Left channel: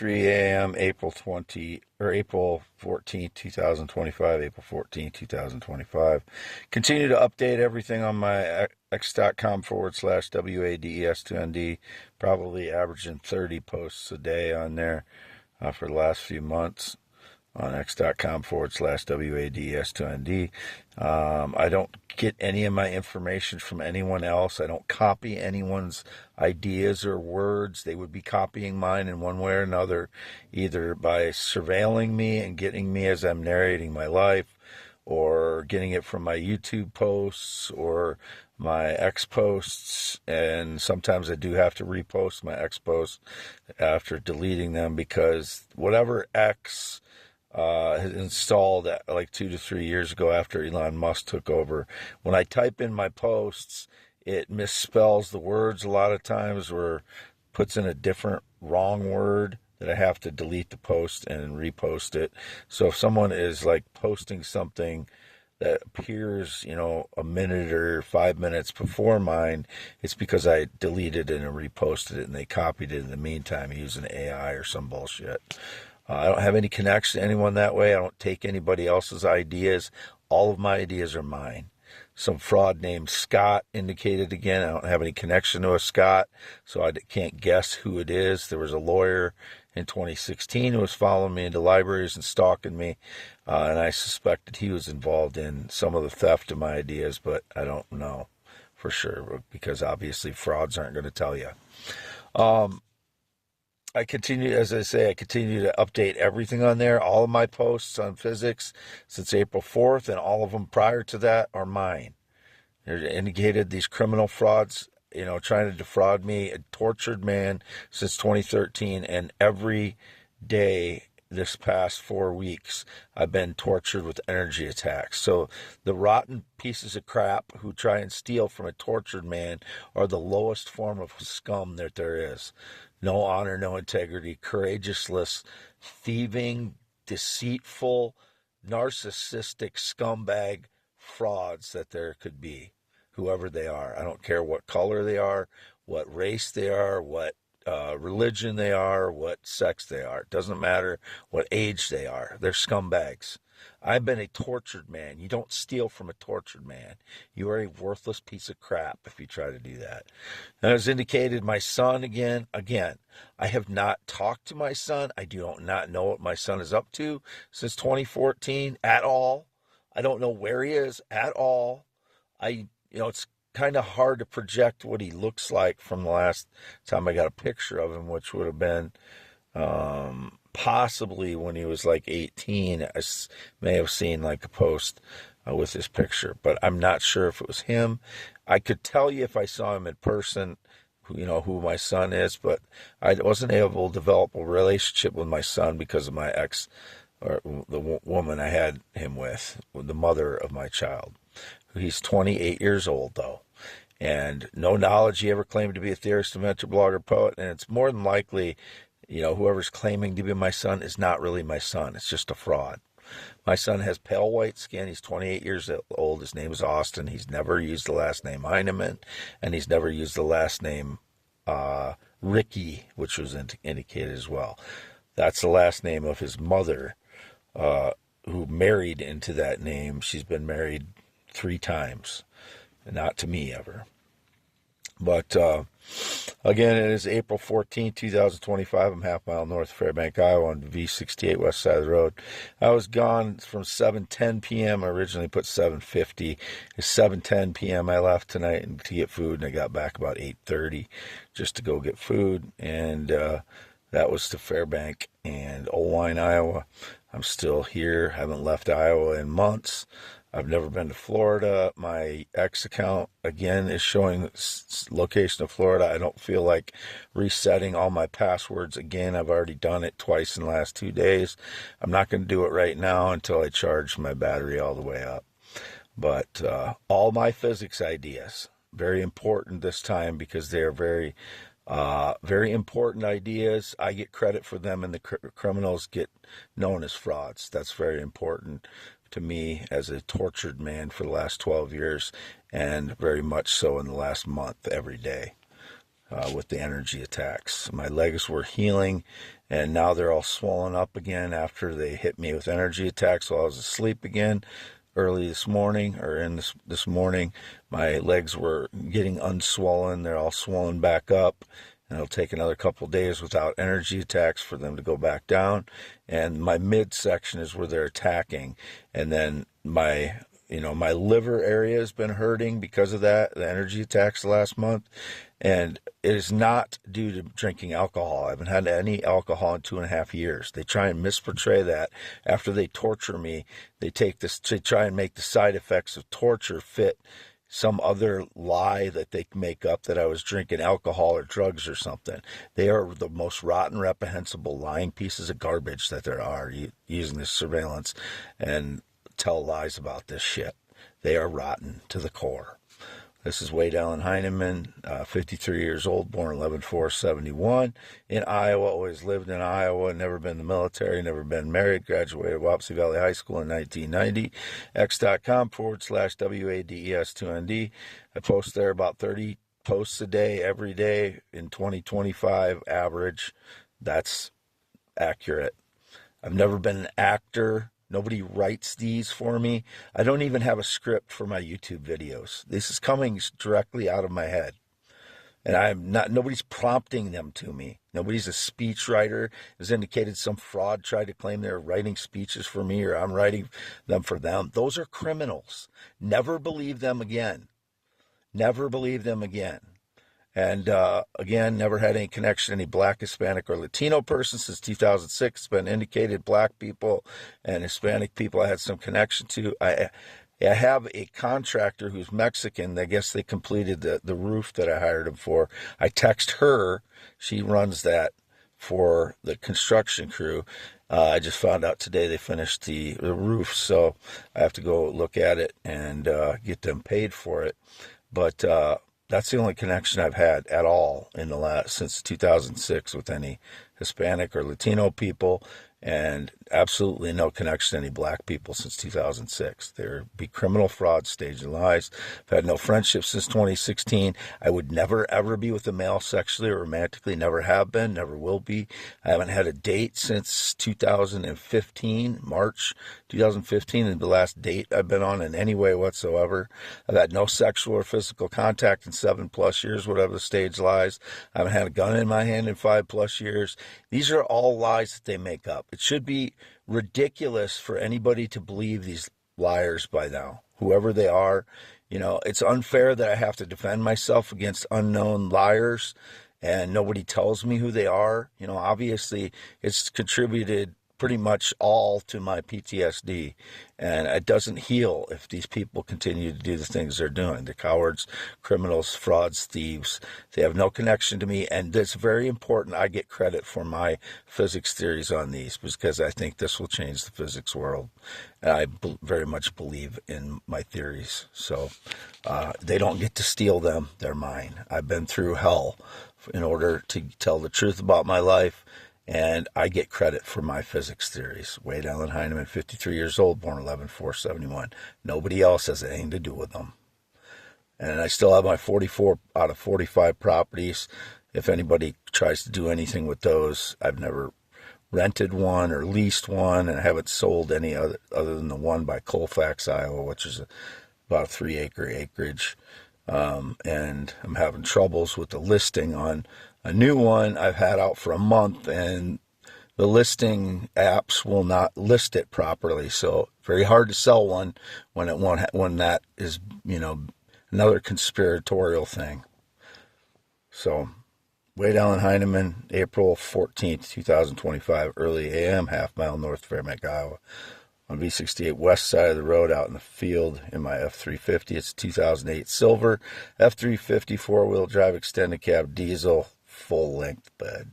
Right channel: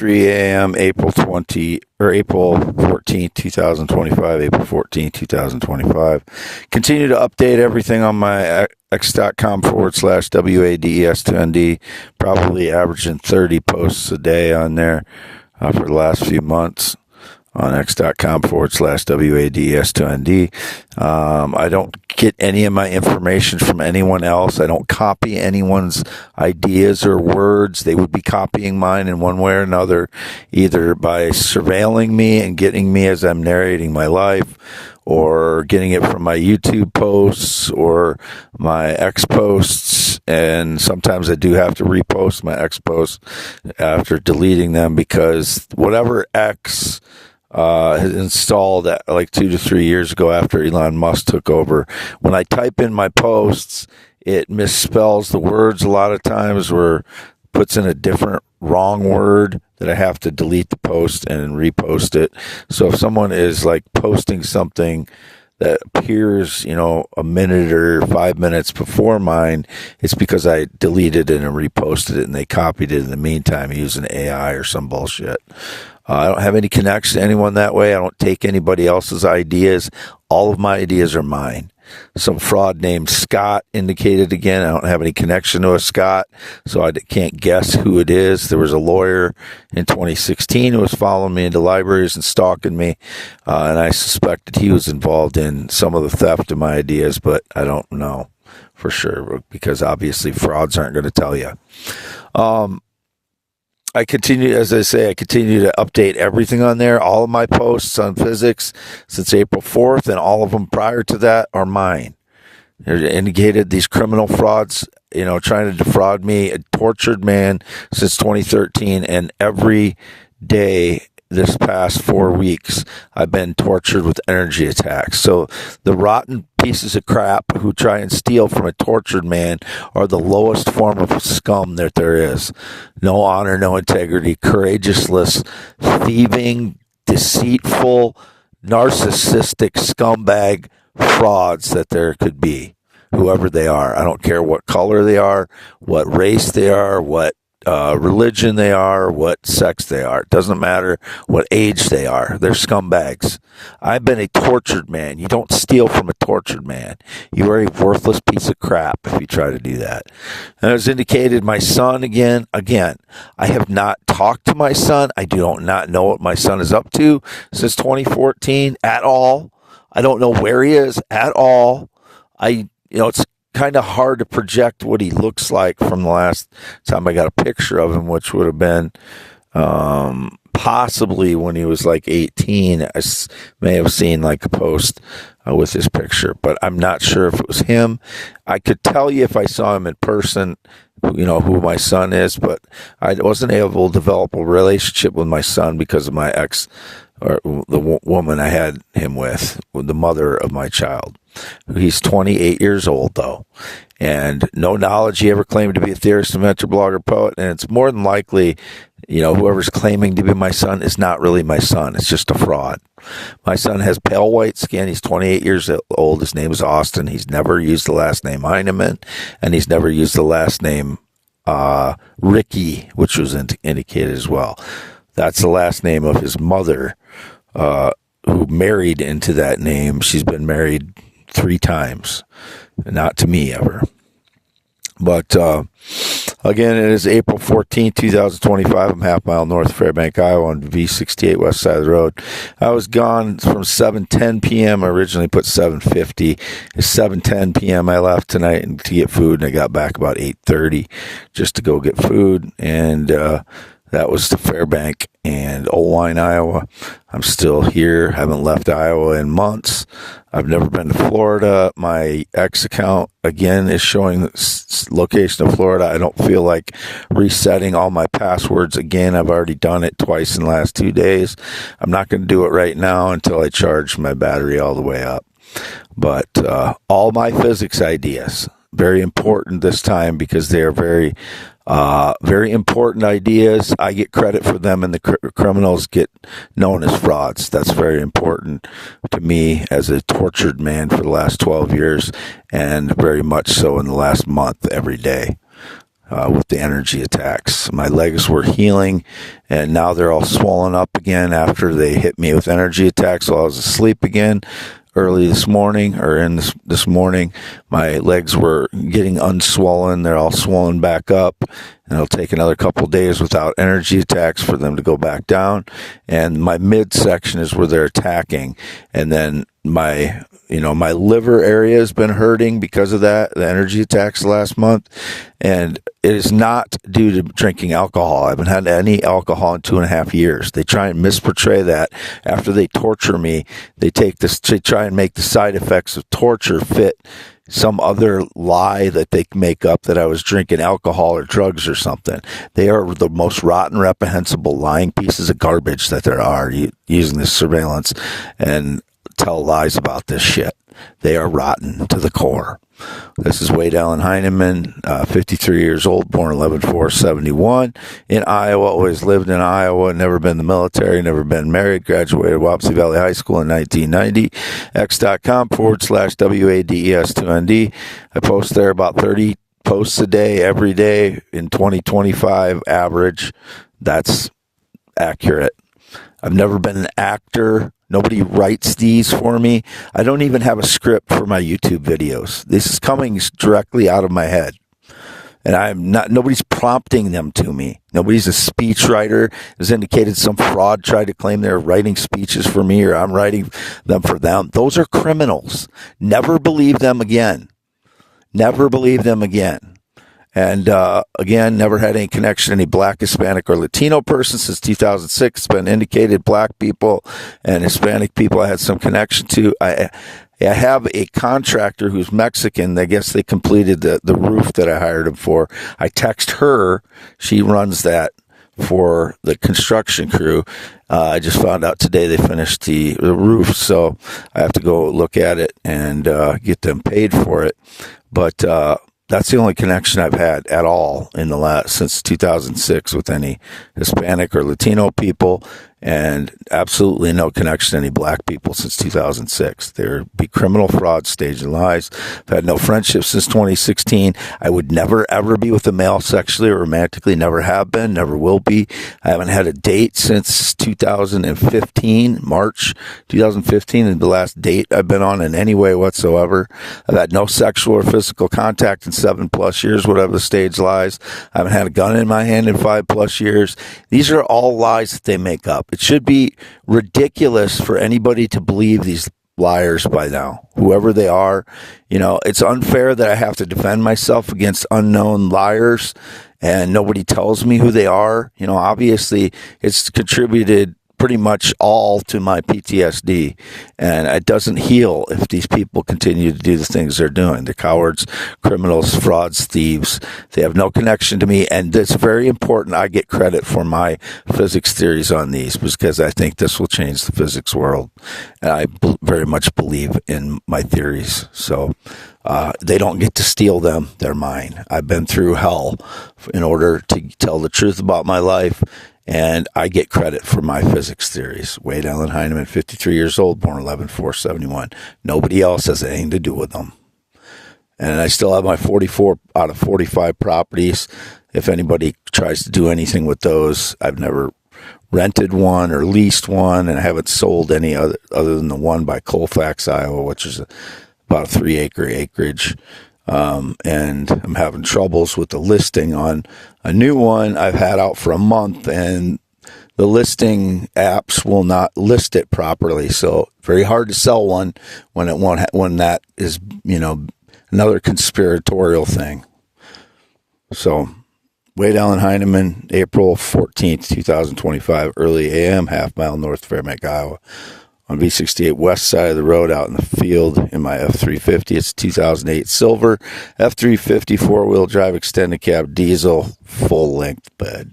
2:03 a.m. April 14th, 2025, April 14th, 2025. Continue to update everything on my x.com/WADES2ND, probably averaging 30 posts a day on there for the last few months on x.com/WADES2ND. I don't get any of my information from anyone else. I don't copy anyone's ideas or words. They would be copying mine in one way or another, either by surveilling me and getting me as I'm narrating my life, or getting it from my YouTube posts or my X posts. And sometimes I do have to repost my X posts after deleting them, because whatever X has installed like 2 to 3 years ago after Elon Musk took over, when I type in my posts, it misspells the words a lot of times, or puts in a different wrong word that I have to delete the post and repost it. So if someone is like posting something that appears, a minute or 5 minutes before mine, it's because I deleted it and reposted it, and they copied it in the meantime using AI or some bullshit. I don't have any connection to anyone that way. I don't take anybody else's ideas. All of my ideas are mine. Some fraud named Scott indicated again. I don't have any connection to a Scott, so I can't guess who it is. There was a lawyer in 2016 who was following me into libraries and stalking me, and I suspected he was involved in some of the theft of my ideas, but I don't know for sure, because obviously frauds aren't going to tell you. I continue to update everything on there. All of my posts on physics since April 4th, and all of them prior to that, are mine. They're indicated these criminal frauds, trying to defraud me, a tortured man since 2013, and every day this past 4 weeks, I've been tortured with energy attacks. So the rotten pieces of crap who try and steal from a tortured man are the lowest form of scum that there is. No honor, no integrity, courageousless, thieving, deceitful, narcissistic scumbag frauds that there could be, whoever they are. I don't care what color they are, what race they are, what religion they are, what sex they are. It doesn't matter what age they are. They're scumbags. I've been a tortured man. You don't steal from a tortured man. You are a worthless piece of crap if you try to do that. And as indicated, my son, again, I have not talked to my son. I do not know what my son is up to since 2014 at all. I don't know where he is at all. It's kind of hard to project what he looks like from the last time I got a picture of him, which would have been possibly when he was like 18. I may have seen like a post with his picture, but I'm not sure if it was him. I could tell you if I saw him in person, who my son is, but I wasn't able to develop a relationship with my son because of my ex, or the woman I had him with the mother of my child. He's 28 years old, though, and no knowledge. He ever claimed to be a theorist, inventor, blogger, poet, and it's more than likely, whoever's claiming to be my son is not really my son. It's just a fraud. My son has pale white skin. He's 28 years old. His name is Austin. He's never used the last name Heineman, and he's never used the last name Ricky, which was indicated as well. That's the last name of his mother, who married into that name. She's been married 3 times, not to me ever. But again, it is April 14th, 2025. I'm half mile north of Fairbank, Iowa, on V68 west side of the road. I was gone from 7:10 p.m. I originally put 7:50. It's 7:10 p.m. I left tonight to get food, and I got back about 8:30 just to go get food. And that was to Fairbank and Owine, Iowa. I'm still here. Haven't left Iowa in months. I've never been to Florida. My X account, again, is showing the location of Florida. I don't feel like resetting all my passwords again. I've already done it twice in the last 2 days. I'm not going to do it right now until I charge my battery all the way up. But all my physics ideas, very important this time, because they are very important ideas. I get credit for them, and the criminals get known as frauds. That's very important to me as a tortured man for the last 12 years, and very much so in the last month every day. with the energy attacks. My legs were healing, and now they're all swollen up again after they hit me with energy attacks while I was asleep again. Early this morning, or in this morning, my legs were getting unswollen. They're all swollen back up, and it'll take another couple of days without energy attacks for them to go back down. And my midsection is where they're attacking, and then my liver area has been hurting because of that, the energy attacks last month. And it is not due to drinking alcohol. I haven't had any alcohol in 2.5 years. They try and misportray that. After they torture me, they try and make the side effects of torture fit some other lie that they make up that I was drinking alcohol or drugs or something. They are the most rotten, reprehensible, lying pieces of garbage that there are using this surveillance and tell lies about this shit. They are rotten to the core. This is Wade Allen Heineman, 53 years old, born 11/4/71, in Iowa, always lived in Iowa, never been in the military, never been married, graduated Wapsie Valley High School in 1990, x.com/WADES2ND. I post there about 30 posts a day, every day in 2025 average. That's accurate. I've never been an actor. Nobody writes these for me. I don't even have a script for my YouTube videos. This is coming directly out of my head. And nobody's prompting them to me. Nobody's a speechwriter. Has indicated some fraud tried to claim they're writing speeches for me or I'm writing them for them. Those are criminals. Never believe them again. Never believe them again. And again, never had any connection to any Black, Hispanic, or Latino person since 2006. It's been indicated Black people and Hispanic people I had some connection to. I have a contractor who's Mexican. I guess they completed the roof that I hired him for. I text her. She runs that for the construction crew. I just found out today they finished the roof, so I have to go look at it and get them paid for it. But that's the only connection I've had at all since 2006 with any Hispanic or Latino people, and absolutely no connection to any Black people since 2006. There'd be criminal fraud, staged lies. I've had no friendship since 2016. I would never, ever be with a male sexually or romantically. Never have been, never will be. I haven't had a date since 2015, March 2015, and the last date I've been on in any way whatsoever. I've had no sexual or physical contact in 7+ years, whatever the stage lies. I haven't had a gun in my hand in 5+ years. These are all lies that they make up. It should be ridiculous for anybody to believe these liars by now, whoever they are. It's unfair that I have to defend myself against unknown liars and nobody tells me who they are. Obviously it's contributed pretty much all to my PTSD, and it doesn't heal if these people continue to do the things they're doing. They're cowards, criminals, frauds, thieves. They have no connection to me, and it's very important I get credit for my physics theories on these because I think this will change the physics world, and I very much believe in my theories. So they don't get to steal them. They're mine. I've been through hell in order to tell the truth about my life, and I get credit for my physics theories. Wade Allen Heineman, 53 years old, born 11/4/71. Nobody else has anything to do with them. And I still have my 44 out of 45 properties. If anybody tries to do anything with those, I've never rented one or leased one, and I haven't sold any other than the one by Colfax, Iowa, which is about a 3-acre acreage. And I'm having troubles with the listing on a new one I've had out for a month, and the listing apps will not list it properly. So very hard to sell one when that is, another conspiratorial thing. So Wade Allen Heineman, April 14th, 2025, early AM, half-mile north of Fairbank, Iowa. On V68 west side of the road out in the field in my F350. It's a 2008 silver F350 4-wheel drive extended cab diesel full length bed.